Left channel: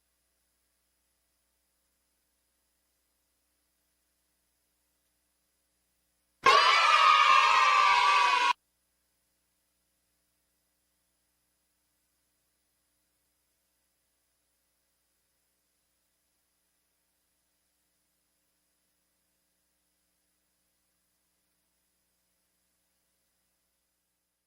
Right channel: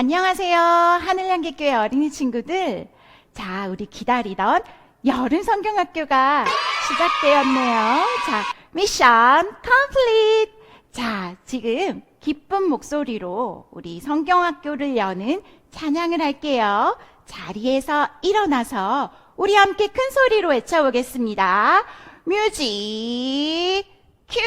안녕하세요. 하늘향기교회 어린이 친구들. 자, 우리 기다리던 여름 성경학교가 시작되었네요. 자, 미션 컴플리트. 자, 지금 기쁜 목소리로 우리 성경학교를 여는 찬양을 할게요. 자리에서 일어나서 우리 함께 큰 소리로 외쳐보겠습니다. 뮤직 큐!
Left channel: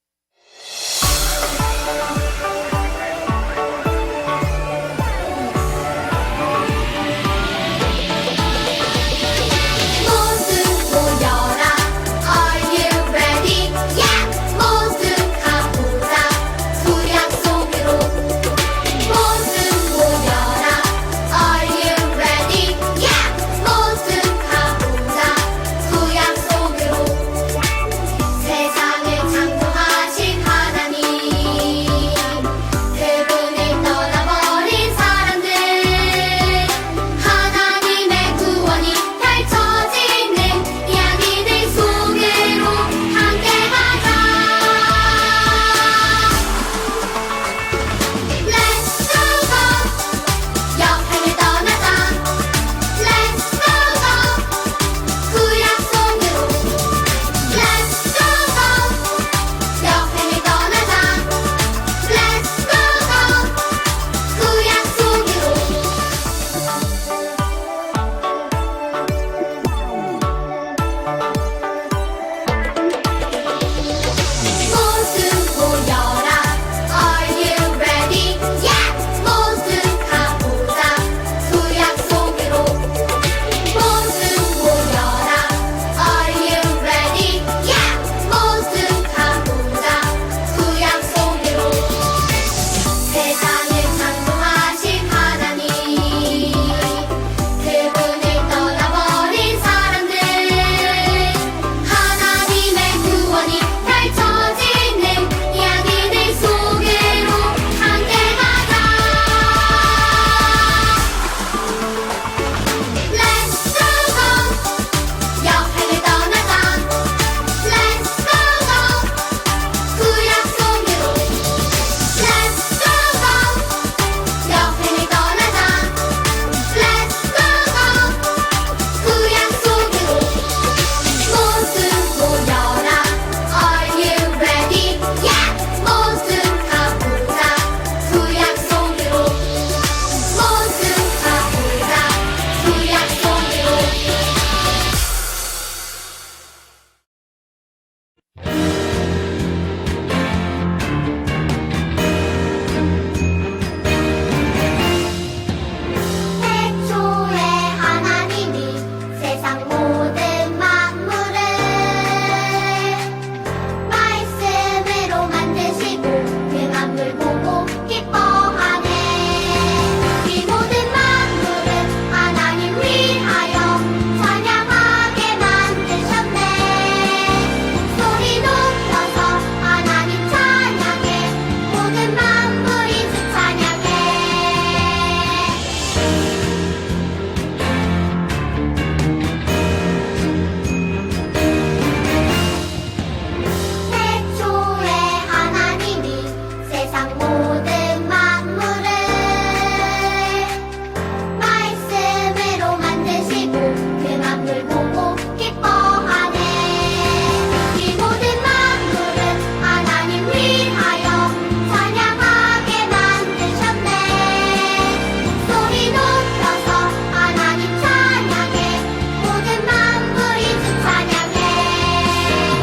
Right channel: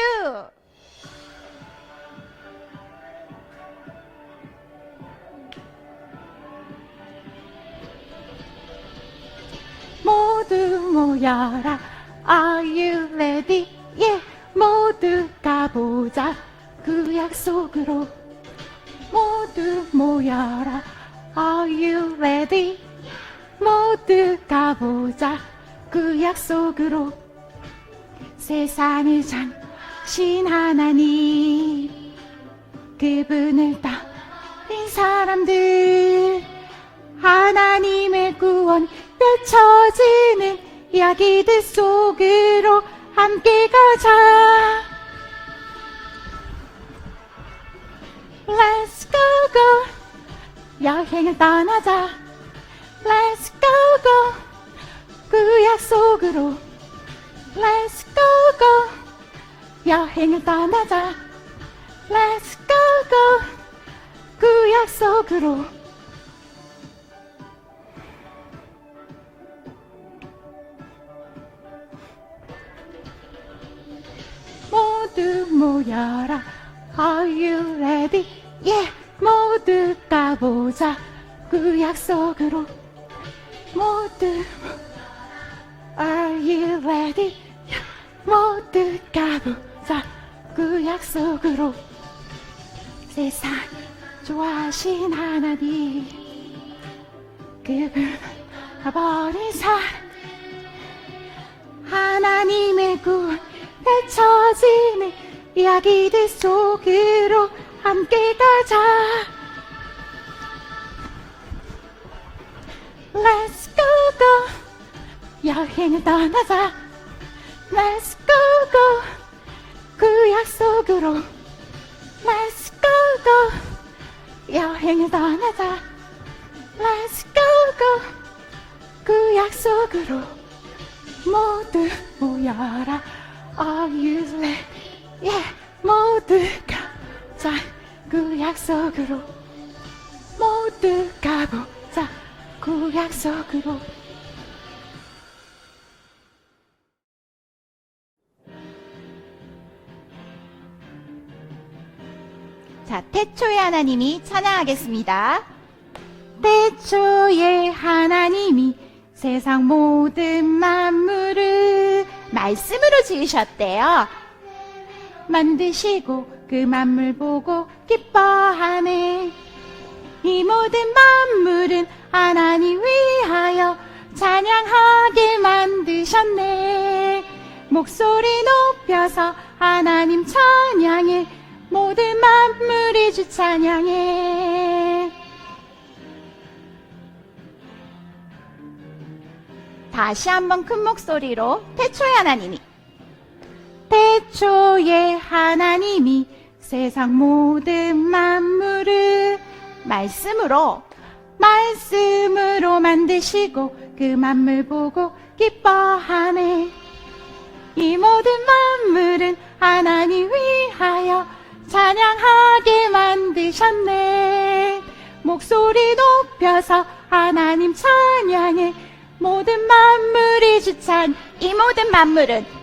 지으셨대요. 말씀으로 만드시고 그 만물 보고 기뻐하네. 이 모든 만물은 하나님 위하여 찬양하게 만드셨네. 목소리 높여서 하나님 찬양해. 모든 만물이 주 찬양해. 다시 한번 큰 목소리로 태초의 하나님. 태초에 하나님이 세상 모든 만물을 말씀으로 만드시고 그 만물 보고 기뻐하네. 이 모든 만물은 하나님 위하여 찬양하게 만드셨네. 목소리 높여서 하나님 찬양해. 모든 만물이 주 찬양해. 모든 만물은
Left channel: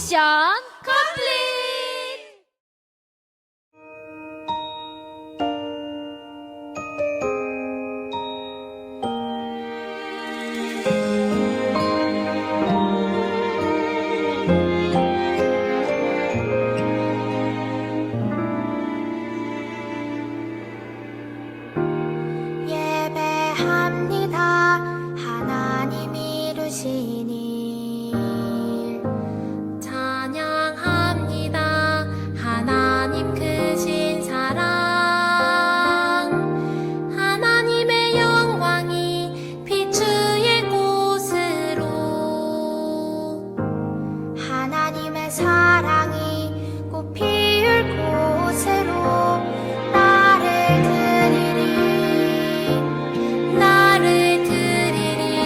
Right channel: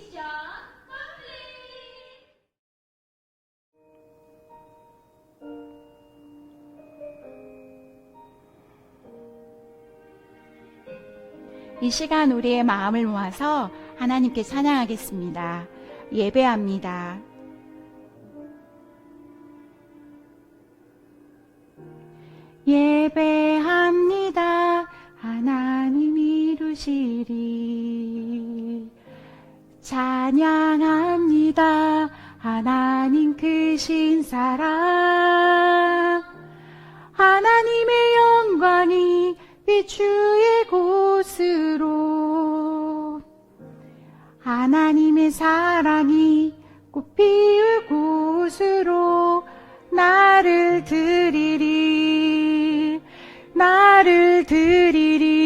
미션 컴플리트! 이 시간 우리의 마음을 모아서 하나님께 찬양하겠습니다. 예배합니다. 예배합니다. 하나님 이루신 일 찬양합니다. 하나님 크신 사랑 하나님의 영광이 비추일 곳으로 하나님의 사랑이 꽃 피울 곳으로 나를 드리리 나를 드리리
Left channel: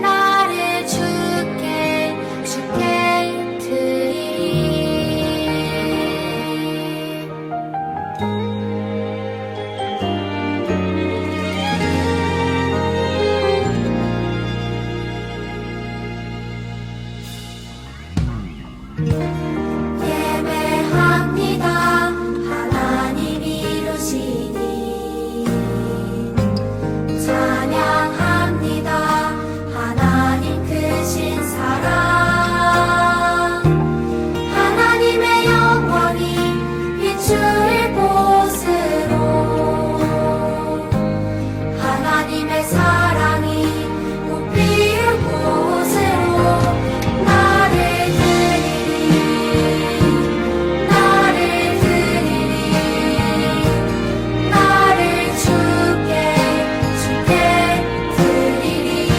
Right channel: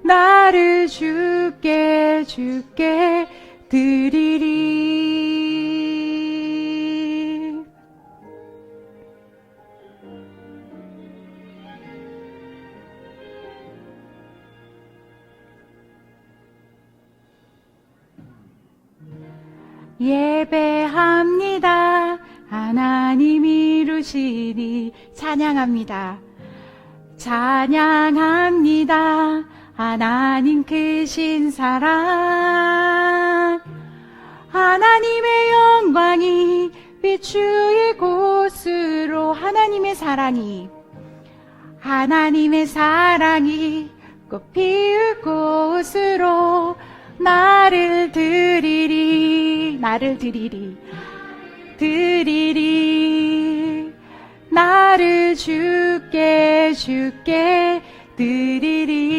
나를 주께 드리리 예배합니다. 하나님 이루시니 찬양합니다. 찬양합니다. 하나님 크신 사랑 하나님의 영광이 비추일 곳으로 하나님의 사랑이 하나님의 사랑이 꽃 피울 곳으로 나를 드리리 나를 드리리 나를 주께 드리리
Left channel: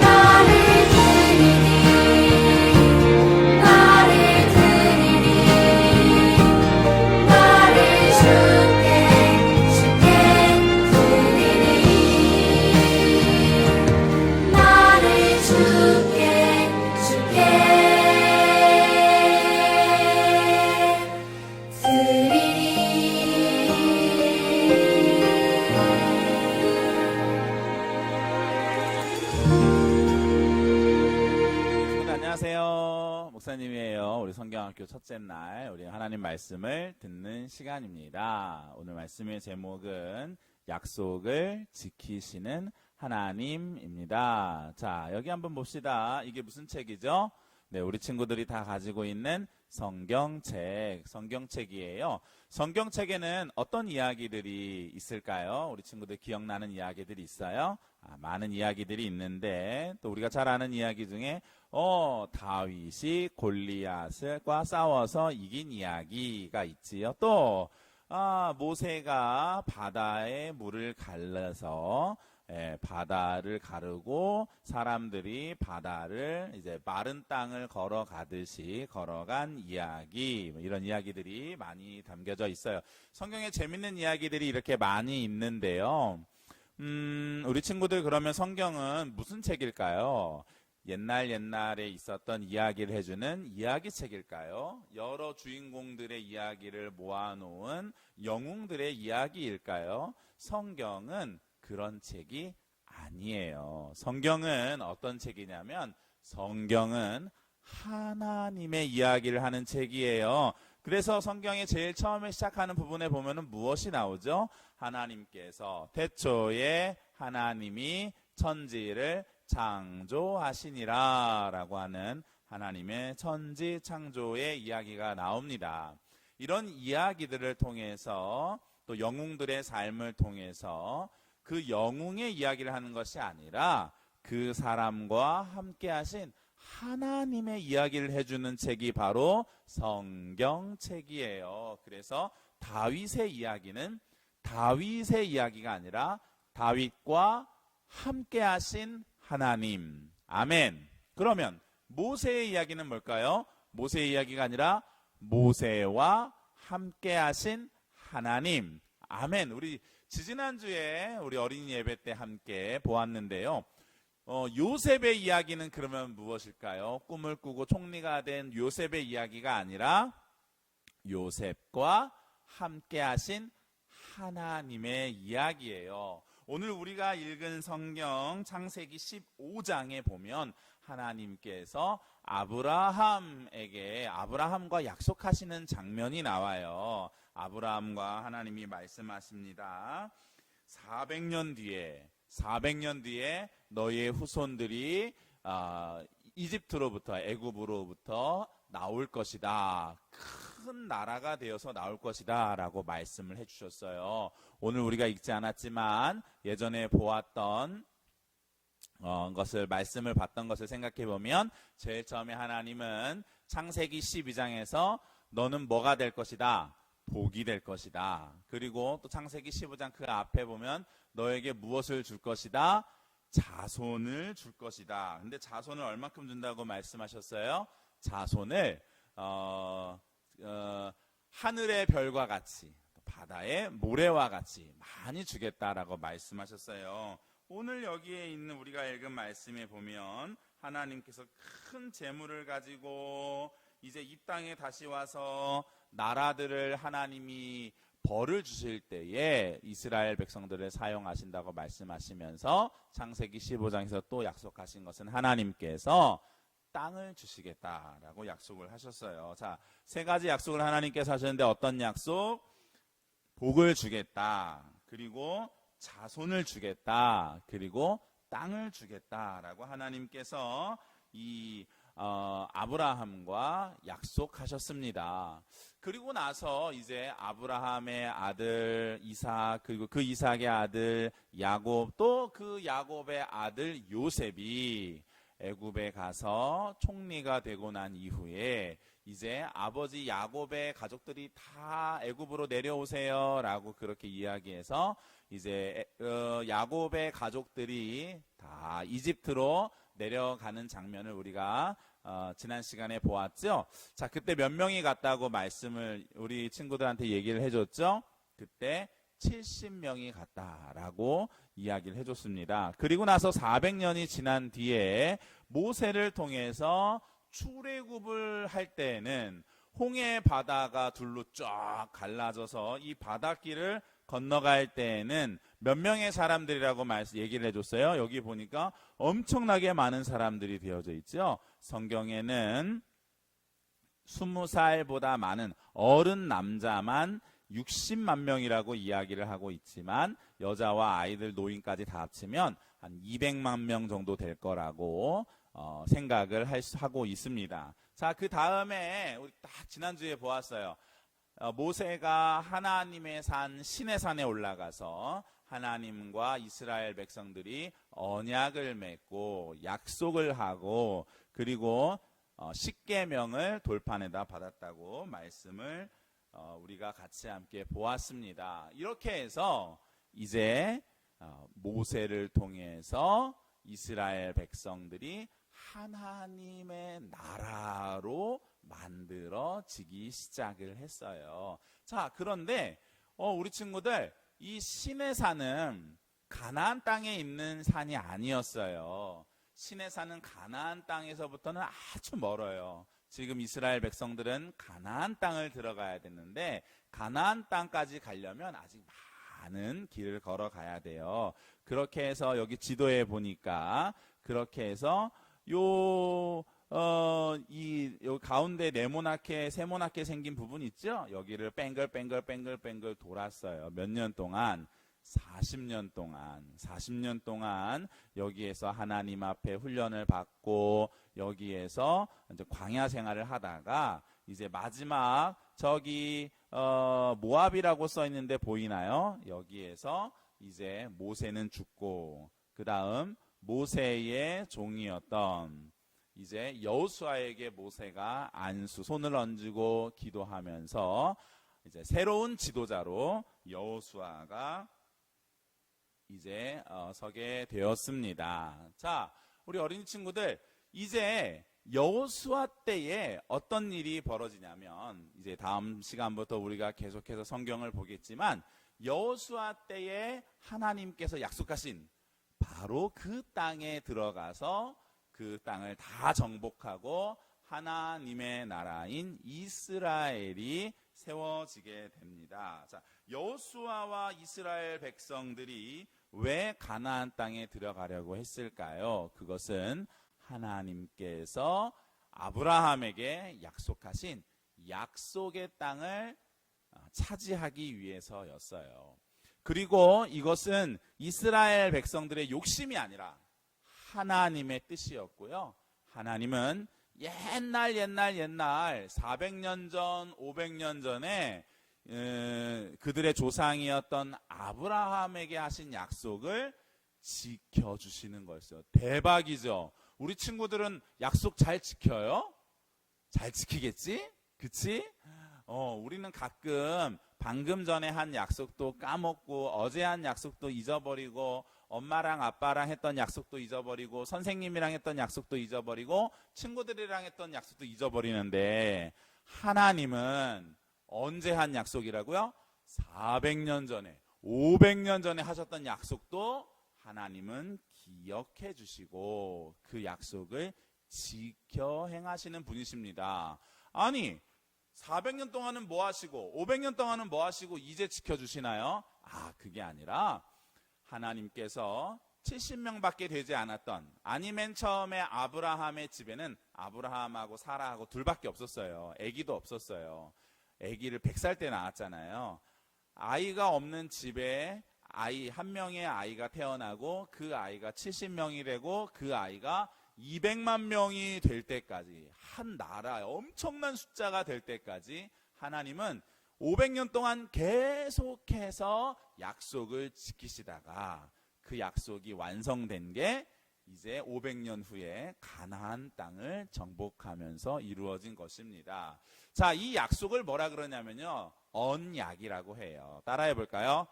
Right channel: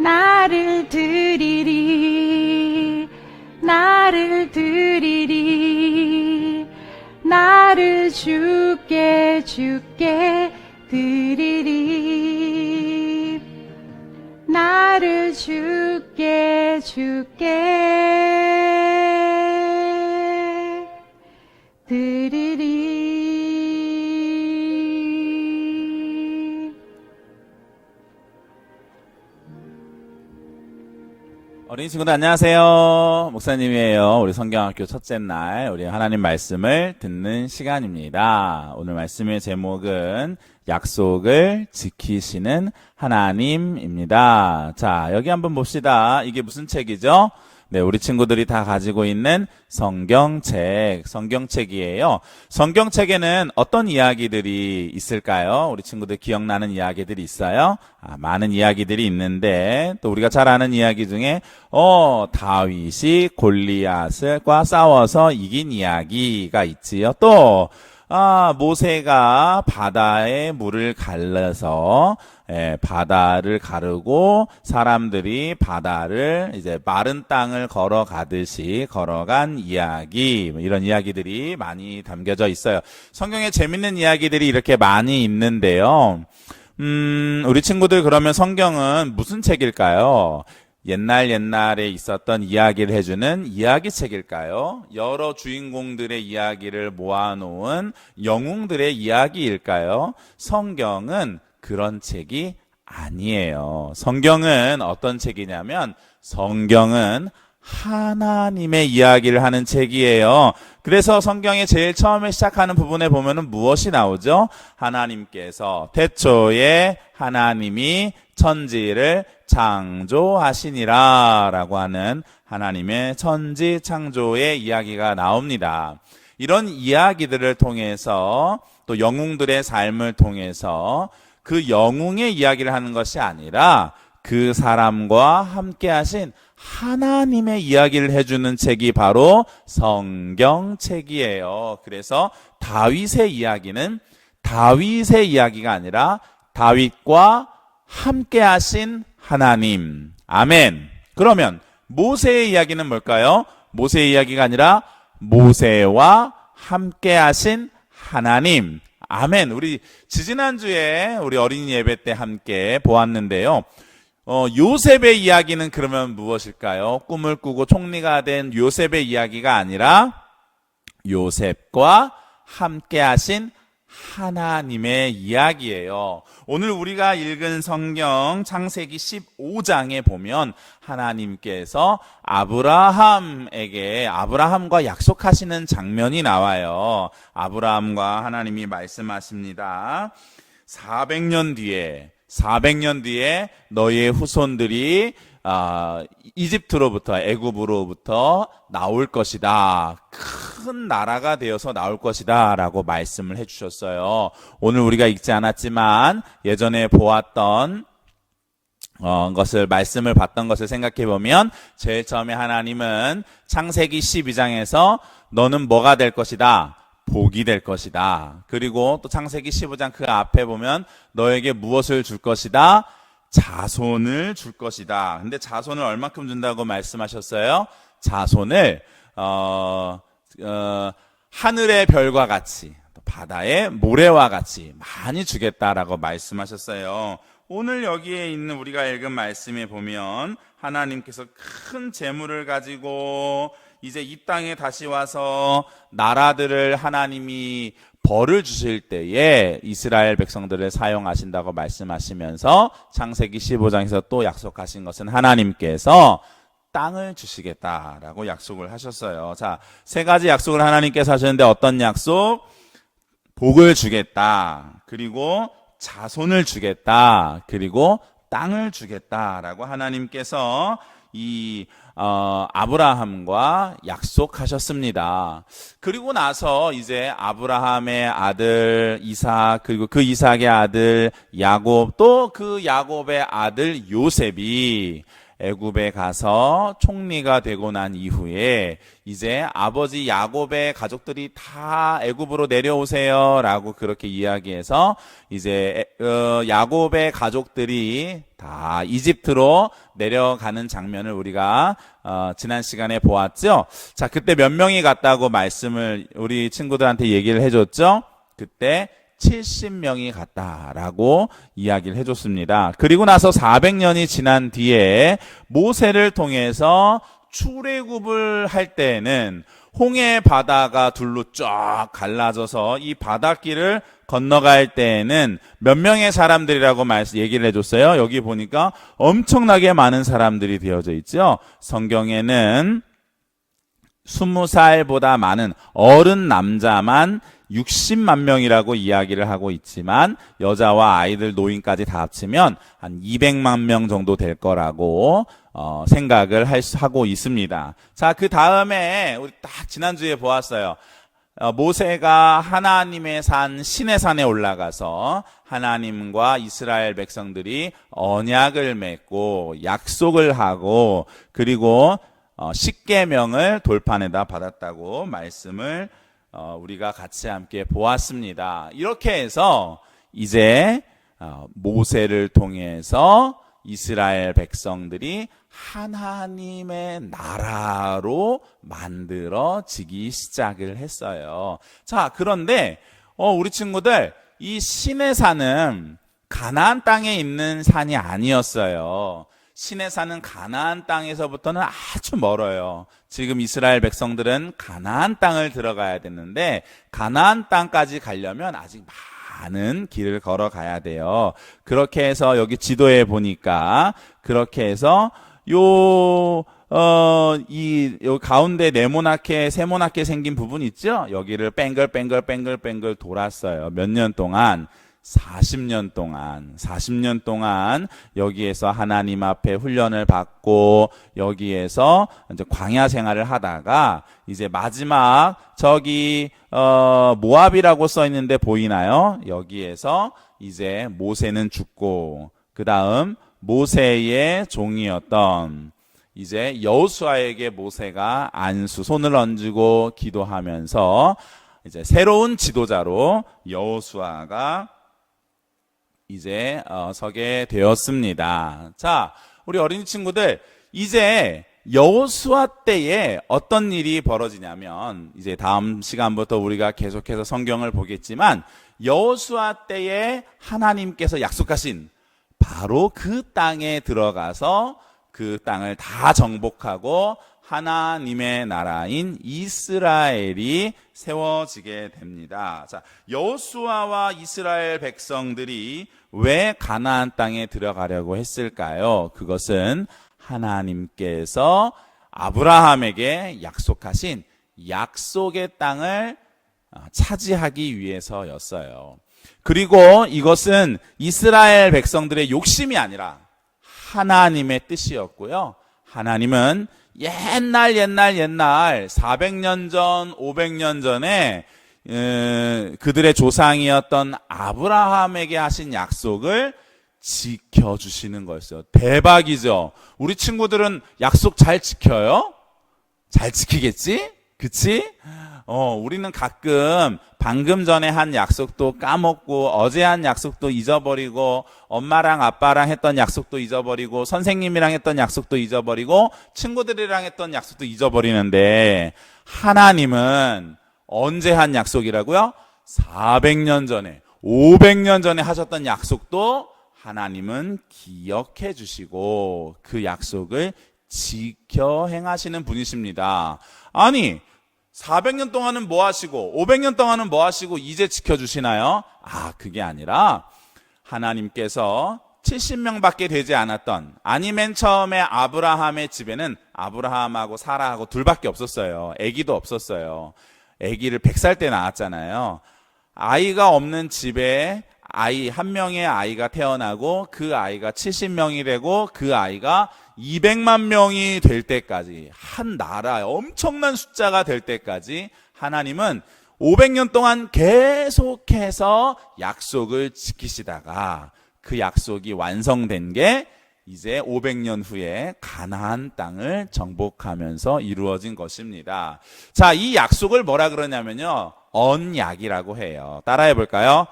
나를 드리리 나를 드리리 나를 주께 드리리 나를 주께 우리 친구들 안녕하세요. 목사님이에요. 우리 성경학교 첫째 날 우리 하나님 말씀을 듣는 시간입니다. 오늘 말씀의 제목은 약속을 지키시는 하나님입니다. 자, 여기 한번 봅시다. 이게 무슨 책이죠? 네, 우리 친구들이 다 가지고 있는 성경책이에요. 성경책에는 어떤 이야기들이 있을까요? 우리 친구들 기억나는 이야기들이 있어요? 많은 이야기들이 있는데 또 우리가 잘 아는 이야기 중에 다윗이 골리앗과 싸워서 이긴 이야기가 있지요. 또 모세가 바다에 물을 갈라서 바다를 가르고 사람들이 바다를 이제 마른 땅을 걸어가듯이 걸어간 이야기, 이런 이야기들이 많이 담겨져 있어요. 성경에 재밌는 이야기들이 이렇게 많이 있는데요. 우리 친구들 그러면 성경은 무슨 책일까요? 옛날에 있었던 이야기를 해주는 이야기책일까요? 여러 주인공들의 이야기를 모아놓은 영웅들의 이야기일까요? 성경은 그런 책이 아니에요. 성경은 어떤 책이냐면 성경은 하나님의 이야기를 하는 책이에요. 그래서 성경의 제일 처음에 시작하는 부분에 보면은 무엇이 나오죠? 하나님께서 태초에 하나님이 천지를 창조하시니라 라고 하는 하나님의 천지 창조의 이야기가 나옵니다. 이런 이야기들을 통해서 또 영웅들의 삶을 통해서 그 영웅의 이야기를 하는 것이 아니라 그 사람과 함께 하신 하나님의 이야기를 해주는 책이 바로 성경책이에요. 그래서 다윗의 이야기는 다윗의 이야기가 아니라 다윗과 함께 하신 하나님. 아멘. 그러면 모세의 이야기는 뭘까요? 모세의 이야기가 아니라 모세와 함께 하신 하나님. 아멘. 우리 지지난주에 우리 어린이 예배 때 함께 보았는데요. 요셉의 이야기는 그러면 무엇일까요? 꿈을 꾸고 총리가 된 요셉의 이야기가 아니라 요셉과 함께 하신 하나님의 이야기예요. 오늘 우리가 읽은 성경 창세기 15장에 보면 하나님께서 아브라함과 약속하시는 장면이 나와요. 아브라함과 하나님이 말씀하십니다. 400년 뒤에 너희의 후손들이 이집트로부터 애굽으로부터 나올 것이다. 큰 나라가 되어서 나올 것이다 라고 말씀을 해주셨어요. 오늘 우리가 읽지 않았지만 예전에 보았던 말씀을 봤던 것을 생각해 보면 제일 처음에 하나님은 창세기 12장에서 너는 뭐가 될 것이다? 복이 될 것이다. 그리고 또 창세기 15장 그 앞에 보면 너에게 무엇을 줄 것이다? 자손을 줄 것이다. 근데 자손을 얼마큼 준다고 말씀하셨어요? 자손을 하늘의 별과 같이 바다의 모래와 같이 많이 주겠다라고 말씀하셨어요. 오늘 여기에 있는 우리가 읽은 말씀에 보면 하나님께서 큰 재물을 가지고 이제 이 땅에 다시 와서 나라들을 하나님이 벌을 주실 때에 이스라엘 백성들을 사용하신다고 말씀하시면서 창세기 15장에서 또 약속하신 것은 하나님께서 땅을 주시겠다라고 약속을 하셨어요. 자, 세 가지 약속을 하나님께서 하셨는데 어떤 약속? 복을 주겠다. 그리고 자손을 주겠다. 그리고 땅을 주겠다라고 하나님께서 이 아브라함과 약속하셨습니다. 그리고 나서 이제 아브라함의 아들 이삭, 그리고 그 이삭의 아들 야곱, 또 그 야곱의 아들 요셉이 애굽에 가서 총리가 되고 난 이후에 이제 아버지 야곱의 가족들이 다 애굽으로 내려오세요라고 그렇게 이야기해서 이제 야곱의 가족들이 다 이집트로 내려가는 장면을 우리가 지난 시간에 보았죠. 자, 그때 몇 명이 갔다고 말씀을 우리 친구들한테 얘기를 해줬죠. 그때 70명이 갔다라고 이야기를 해줬습니다. 그리고 나서 400년이 지난 뒤에 모세를 통해서 출애굽을 할 때에는 홍해 바다가 둘로 쫙 갈라져서 이 바닷길을 건너갈 때에는 몇 명의 사람들이라고 얘기를 해줬어요. 여기 보니까 엄청나게 많은 사람들이 되어져 있죠. 성경에는 20살보다 많은 어른 남자만 60만 명이라고 이야기를 하고 있지만 여자와 아이들, 노인까지 다 합치면 한 200만 명 정도 될 거라고 생각을 하고 있습니다. 자, 그 다음에 우리 딱 지난주에 보았어요. 모세가 하나님의 산 시내산에 올라가서 하나님과 이스라엘 백성들이 언약을 맺고 약속을 하고 그리고 십계명을 돌판에다 받았다고 말씀을 우리가 같이 함께 보았습니다. 이렇게 해서 이제 모세를 통해서 이스라엘 백성들이 하나님의 나라로 만들어지기 시작을 했어요. 자, 그런데 우리 친구들, 이 시내산은 가나안 땅에 있는 산이 아니었어요. 시내산은 가나안 땅에서부터는 아주 멀어요. 지금 이스라엘 백성들은 가나안 땅을 들어가야 되는데 가나안 땅까지 가려면 아직 많은 길을 걸어가야 돼요. 그렇게 해서 여기 지도에 보니까 그렇게 해서 요 가운데 세모나게 생긴 부분 있죠? 여기를 뺑글 돌았어요. 몇 년 동안? 40년 동안 여기에서 하나님 앞에 훈련을 받고 여기에서 이제 광야 생활을 하다가 이제 마지막 저기 모압이라고 써 있는데 보이나요? 여기에서 이제 모세는 죽고 그 다음 모세의 종이었던 이제 여호수아에게 모세가 손을 얹고 기도하면서 이제 새로운 지도자로 여호수아가 이제 서게 되었습니다. 자, 우리 어린이 친구들, 이제 여호수아 때에 어떤 일이 벌어지냐면 이제 다음 시간부터 우리가 계속해서 성경을 보겠지만 여호수아 때에 하나님께서 약속하신 바로 그 땅에 들어가서 그 땅을 다 정복하고 하나님의 나라인 이스라엘이 세워지게 됩니다. 자, 여호수아와 이스라엘 백성들이 왜 가나안 땅에 들어가려고 했을까요? 그것은 하나님께서 아브라함에게 약속하신 약속의 땅을 차지하기 위해서였어요. 그리고 이것은 이스라엘 백성들의 욕심이 아니라 하나님의 뜻이었고요. 하나님은 옛날 400년 전, 500년 전에 그들의 조상이었던 아브라함에게 하신 약속을 지켜주시는 거였어요. 대박이죠. 우리 친구들은 약속 잘 지켜요? 잘 지키겠지? 그치? 우리는 가끔 방금 전에 한 약속도 까먹고 어제 한 약속도 잊어버리고 엄마랑 아빠랑 했던 약속도 잊어버리고 선생님이랑 했던 약속도 잊어버리고 친구들이랑 했던 약속도 잊어버리는데 하나님은 언제 한 약속이라고요? 400년 전에 500년 전에 하셨던 약속도 하나님은 기억해 주시고 그 약속을 지켜 행하시는 분이십니다. 아니 400년 동안은 뭐 하시고 500년 동안은 뭐 하시고 이제 지켜주시나요? 그게 아니라 하나님께서 70명밖에 되지 않았던, 아니 맨 처음에 아브라함의 집에는 아브라함하고 사라하고 둘밖에 없었어요. 아기도 없었어요. 아기를 100살 때 낳았잖아요. 아이가 없는 집에 아이 한 명의 아이가 태어나고 그 아이가 70명이 되고 그 아이가 200만 명이 될 때까지, 한 나라 엄청난 숫자가 될 때까지 하나님은 500년 동안 계속해서 약속을 지키시다가 그 약속이 완성된 게 이제 500년 후에 가나안 땅을 정복하면서 이루어진 것입니다. 자, 이 약속을 뭐라 그러냐면요, 언약이라고 해요. 따라해 볼까요?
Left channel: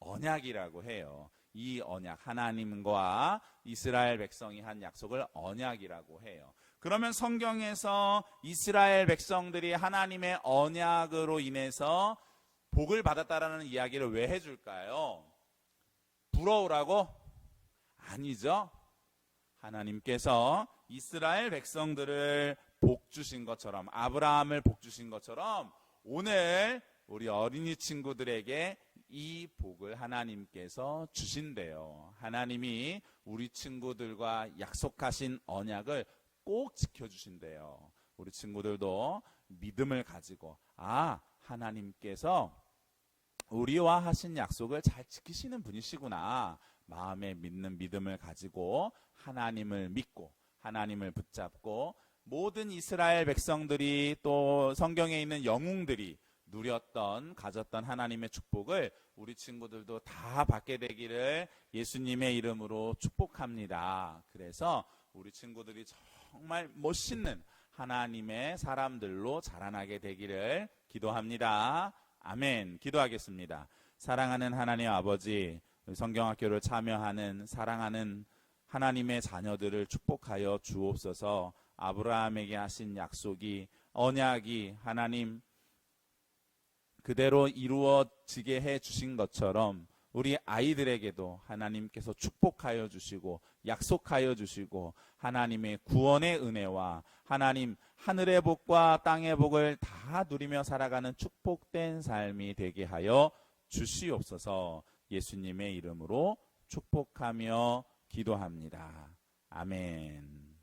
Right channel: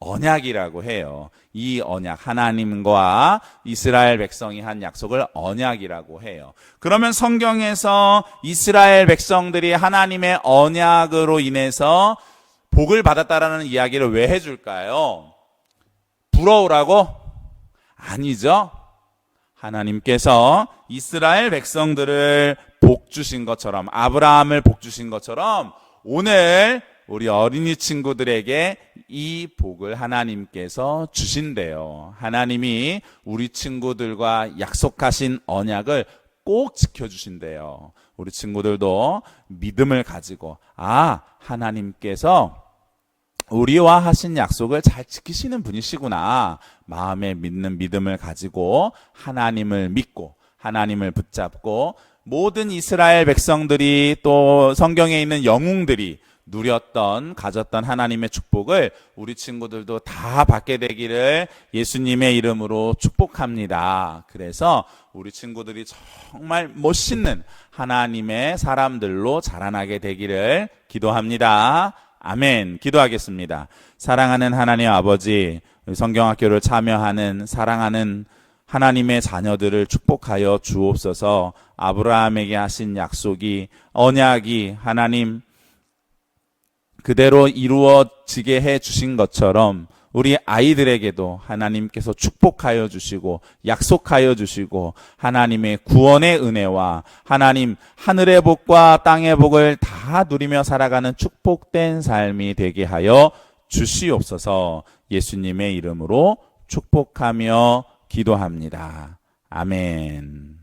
언약이라고 해요. 이 언약, 하나님과 이스라엘 백성이 한 약속을 언약이라고 해요. 그러면 성경에서 이스라엘 백성들이 하나님의 언약으로 인해서 복을 받았다라는 이야기를 왜 해줄까요? 부러우라고? 아니죠. 하나님께서 이스라엘 백성들을 복 주신 것처럼, 아브라함을 복 주신 것처럼 오늘 우리 어린이 친구들에게 이 복을 하나님께서 주신대요. 하나님이 우리 친구들과 약속하신 언약을 꼭 지켜주신대요. 우리 친구들도 믿음을 가지고 하나님께서 우리와 하신 약속을 잘 지키시는 분이시구나, 마음에 믿는 믿음을 가지고 하나님을 믿고 하나님을 붙잡고 모든 이스라엘 백성들이 또 성경에 있는 영웅들이 가졌던 하나님의 축복을 우리 친구들도 다 받게 되기를 예수님의 이름으로 축복합니다. 그래서 우리 친구들이 정말 멋있는 하나님의 사람들로 자라나게 되기를 기도합니다. 아멘. 기도하겠습니다. 사랑하는 하나님 아버지, 성경학교를 참여하는 사랑하는 하나님의 자녀들을 축복하여 주옵소서. 아브라함에게 하신 약속이, 언약이 하나님 그대로 이루어지게 해 주신 것처럼 우리 아이들에게도 하나님께서 축복하여 주시고 약속하여 주시고 하나님의 구원의 은혜와 하나님 하늘의 복과 땅의 복을 다 누리며 살아가는 축복된 삶이 되게 하여 주시옵소서. 예수님의 이름으로 축복하며 기도합니다. 아멘.